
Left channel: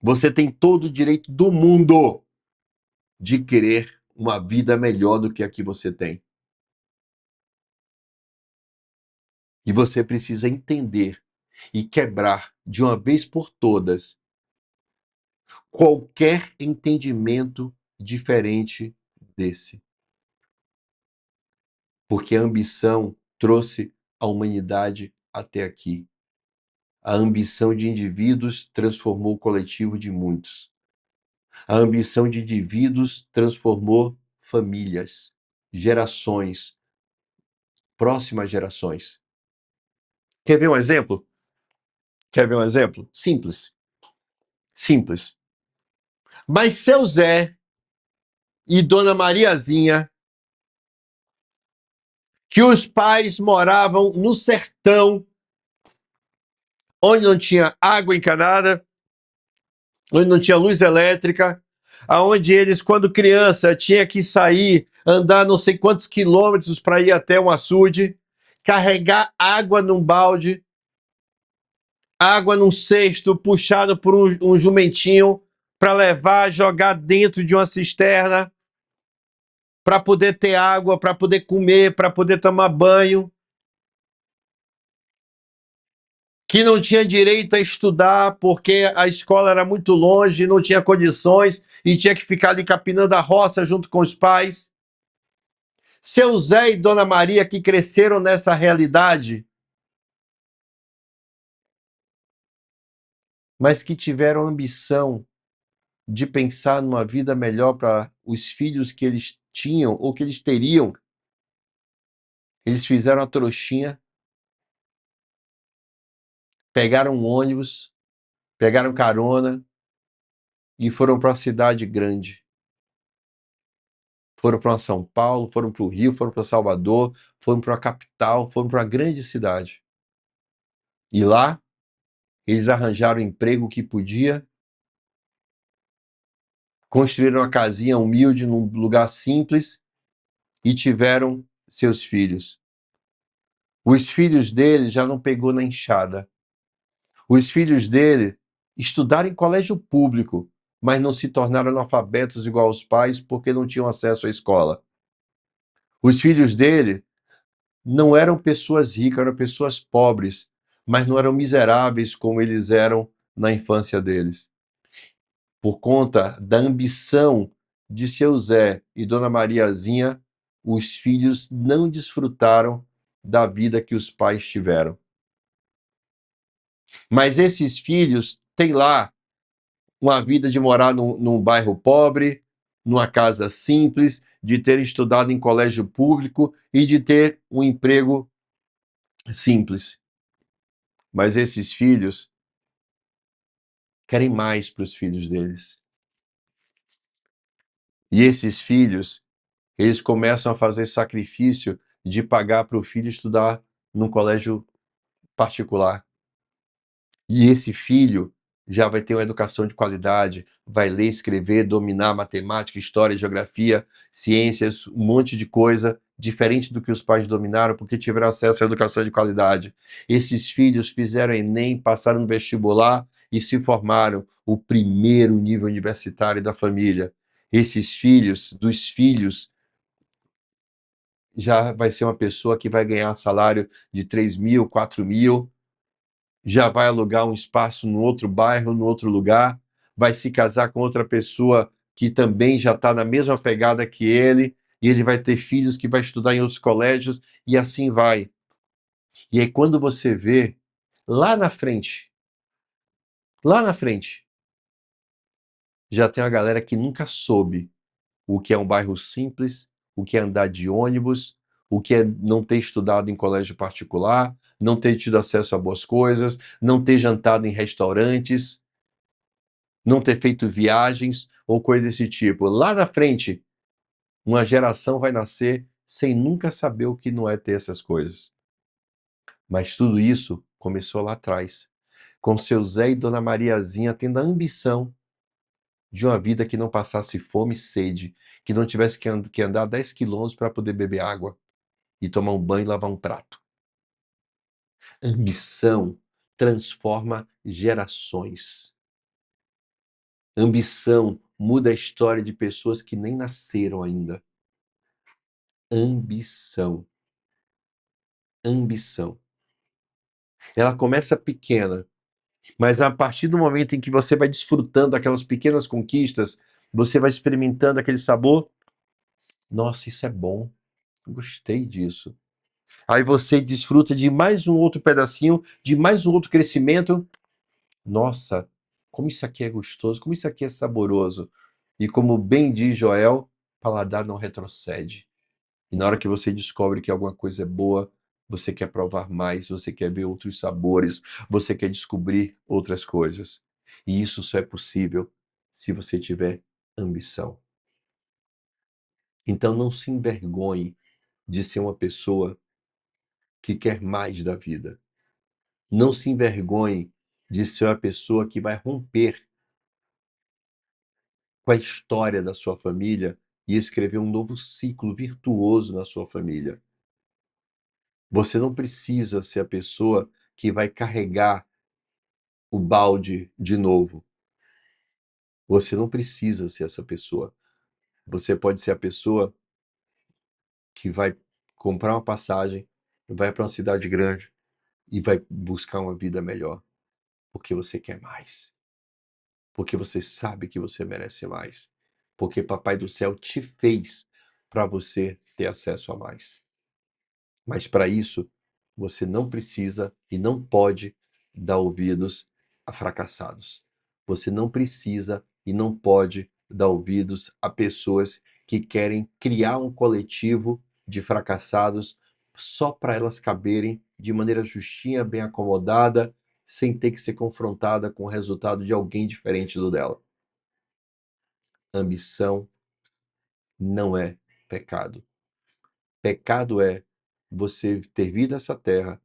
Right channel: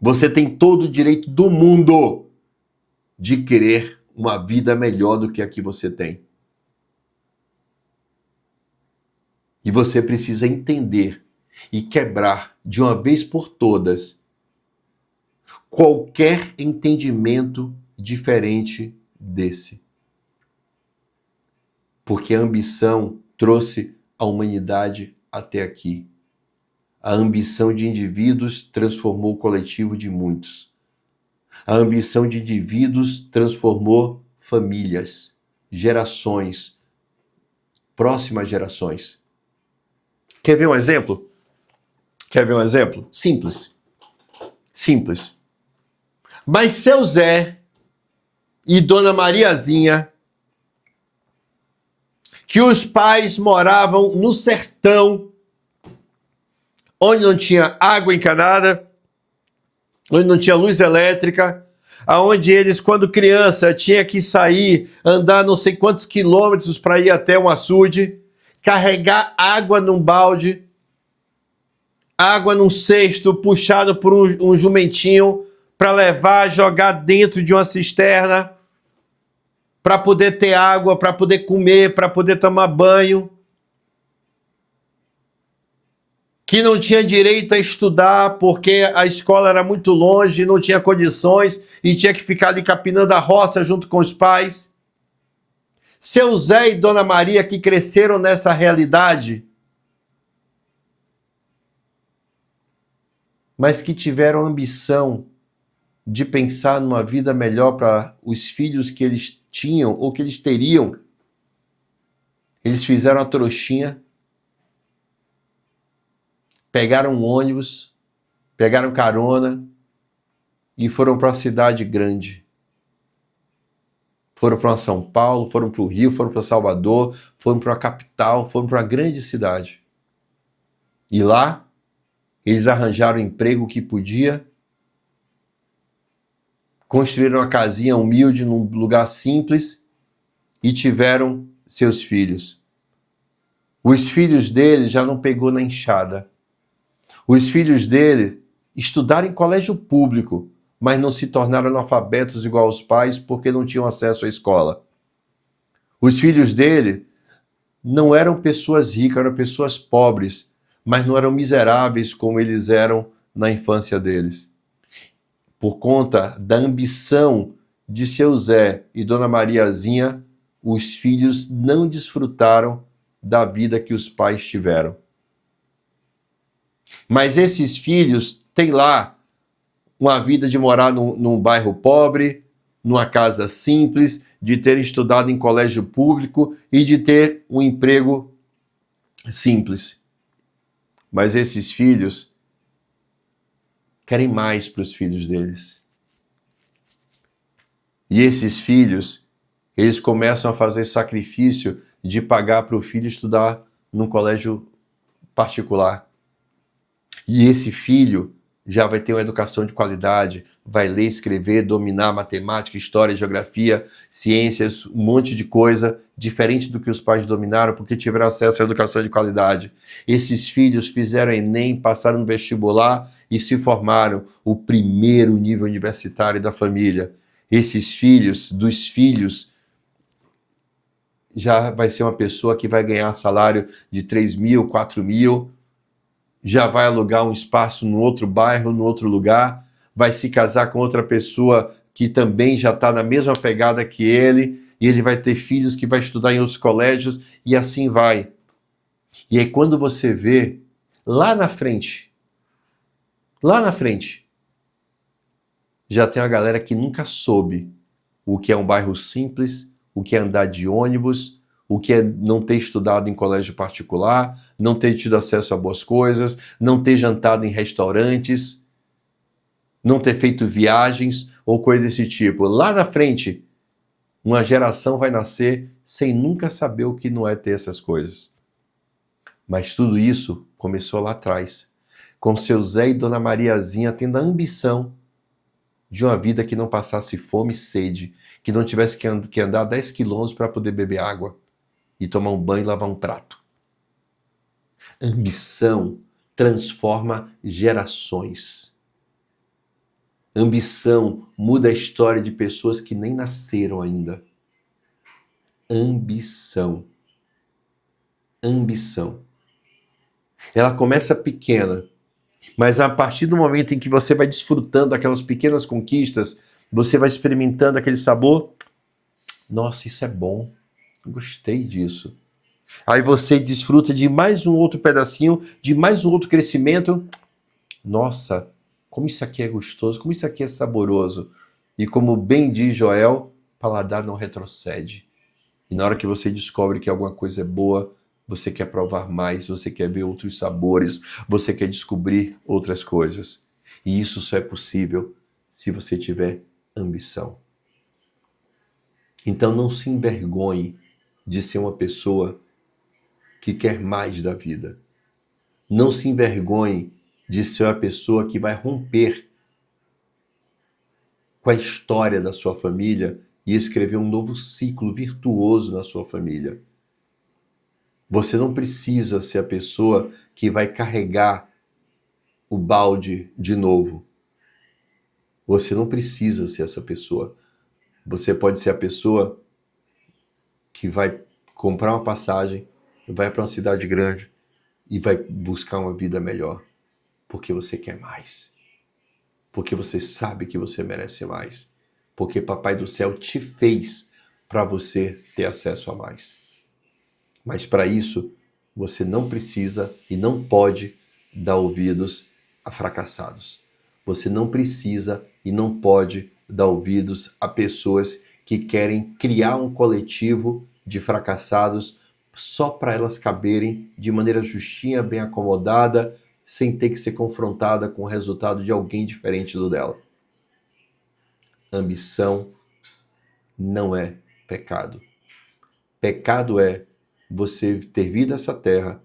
Você tem todo o direito do mundo de querer uma vida melhor do que a que você tem. E você precisa entender e quebrar de uma vez por todas qualquer entendimento diferente desse. Porque a ambição trouxe a humanidade até aqui. A ambição de indivíduos transformou o coletivo de muitos. A ambição de indivíduos transformou famílias, gerações, próximas gerações. Quer ver um exemplo? Quer ver um exemplo? Simples. Simples. Mas seu Zé e Dona Mariazinha, que os pais moravam no sertão, onde não tinha água encanada, onde não tinha luz elétrica, aonde eles, quando criança, tinha que sair, andar não sei quantos quilômetros para ir até um açude, carregar água num balde, água num cesto puxado por um jumentinho para levar, jogar dentro de uma cisterna, para poder ter água, para poder comer, para poder tomar banho. Que não tinha direito a estudar porque a escola era muito longe, não tinha condições e tinha que ficar ali capinando a roça junto com os pais. Seu Zé e Dona Maria que cresceram nessa realidade, mas que tiveram ambição de pensar numa vida melhor para os filhos que eles tinham ou que eles teriam. Eles fizeram a trouxinha, pegaram um ônibus, pegaram carona e foram para uma cidade grande. Foram para São Paulo, foram para o Rio, foram para Salvador, foram para a capital, foram para uma grande cidade. E lá, eles arranjaram o emprego que podia, construíram uma casinha humilde num lugar simples e tiveram seus filhos. Os filhos dele já não pegou na enxada. Os filhos dele estudaram em colégio público, mas não se tornaram analfabetos igual aos pais porque não tinham acesso à escola. Os filhos dele não eram pessoas ricas, eram pessoas pobres, mas não eram miseráveis como eles eram na infância deles. Por conta da ambição de seu Zé e Dona Mariazinha, os filhos não desfrutaram da vida que os pais tiveram. Mas esses filhos têm lá uma vida de morar num bairro pobre, numa casa simples, de ter estudado em colégio público e de ter um emprego simples. Mas esses filhos querem mais para os filhos deles. E esses filhos, eles começam a fazer sacrifício de pagar para o filho estudar num colégio particular. E esse filho já vai ter uma educação de qualidade, vai ler, escrever, dominar matemática, história, geografia, ciências, um monte de coisa, diferente do que os pais dominaram, porque tiveram acesso à educação de qualidade. Esses filhos fizeram Enem, passaram no vestibular e se formaram o primeiro nível universitário da família. Esses filhos, dos filhos, já vai ser uma pessoa que vai ganhar salário de 3 mil, 4 mil, já vai alugar um espaço no outro bairro, no outro lugar, vai se casar com outra pessoa que também já está na mesma pegada que ele, e ele vai ter filhos que vai estudar em outros colégios, e assim vai. E aí quando você vê, lá na frente, já tem a galera que nunca soube o que é um bairro simples, o que é andar de ônibus, o que é não ter estudado em colégio particular, não ter tido acesso a boas coisas, não ter jantado em restaurantes, não ter feito viagens ou coisa desse tipo. Lá na frente, uma geração vai nascer sem nunca saber o que não é ter essas coisas. Mas tudo isso começou lá atrás, com seu Zé e Dona Mariazinha tendo a ambição de uma vida que não passasse fome e sede, que não tivesse que andar 10 quilômetros para poder beber água. e tomar um banho e lavar um prato. Ambição transforma gerações. Ambição muda a história de pessoas que nem nasceram ainda. Ambição. Ambição. Ela começa pequena, mas a partir do momento em que você vai desfrutando daquelas pequenas conquistas, você vai experimentando aquele sabor. Nossa, isso é bom. Gostei disso. Aí você desfruta de mais um outro pedacinho, de mais um outro crescimento. Nossa, como isso aqui é gostoso, como isso aqui é saboroso. E como bem diz Joel, paladar não retrocede. E na hora que você descobre que alguma coisa é boa, você quer provar mais, você quer ver outros sabores, você quer descobrir outras coisas. E isso só é possível se você tiver ambição. Então não se envergonhe de ser uma pessoa que quer mais da vida. Não se envergonhe de ser a pessoa que vai romper com a história da sua família e escrever um novo ciclo virtuoso na sua família. Você não precisa ser a pessoa que vai carregar o balde de novo. Você não precisa ser essa pessoa. Você pode ser a pessoa que vai comprar uma passagem, vai para uma cidade grande e vai buscar uma vida melhor. Porque você quer mais. Porque você sabe que você merece mais. Porque Papai do Céu te fez para você ter acesso a mais. Mas para isso, você não precisa e não pode dar ouvidos a fracassados. Você não precisa e não pode dar ouvidos a pessoas que querem criar um coletivo de fracassados só para elas caberem de maneira justinha, bem acomodada, sem ter que ser confrontada com o resultado de alguém diferente do dela. Ambição não é pecado. Pecado é você ter vindo a essa terra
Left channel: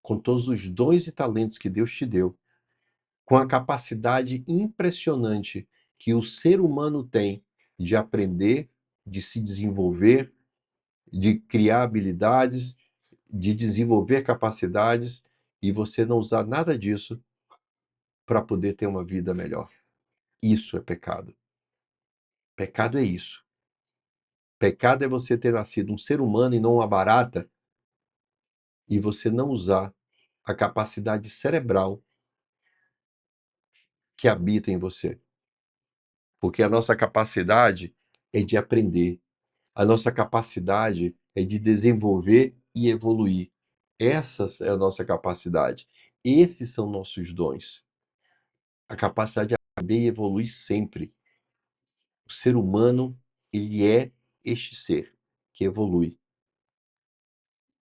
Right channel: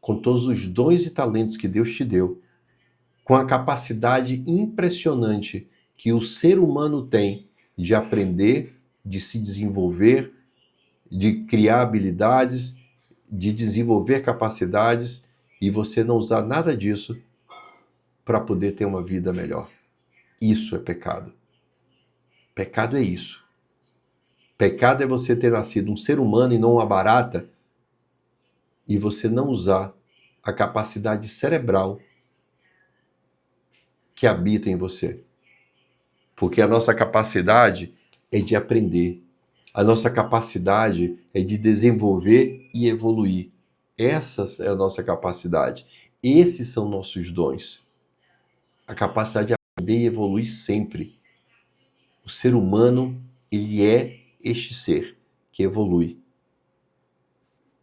com todos os dons e talentos que Deus te deu, com a capacidade impressionante que o ser humano tem de aprender, de se desenvolver, de criar habilidades, de desenvolver capacidades, e você não usar nada disso para poder ter uma vida melhor. Isso é pecado. Pecado é isso. Pecado é você ter nascido um ser humano e não uma barata, e você não usar a capacidade cerebral que habita em você. Porque a nossa capacidade é de aprender. A nossa capacidade é de desenvolver e evoluir. Essa é a nossa capacidade. Esses são nossos dons. A capacidade de aprender e evoluir sempre. O ser humano, ele é este ser que evolui.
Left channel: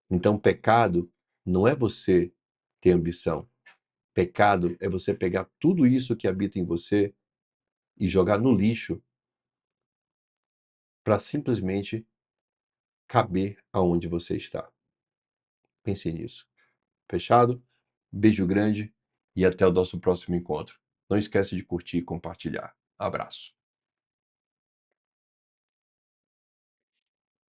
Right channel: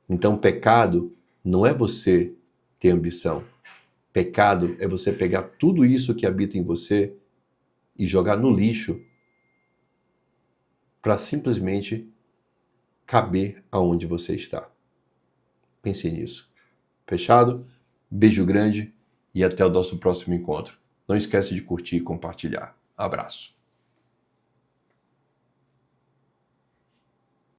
Então, pecado não é você ter ambição. Pecado é você pegar tudo isso que habita em você e jogar no lixo para simplesmente caber aonde você está. Pense nisso. Fechado? Beijo grande e até o nosso próximo encontro. Não esquece de curtir e compartilhar. Abraço.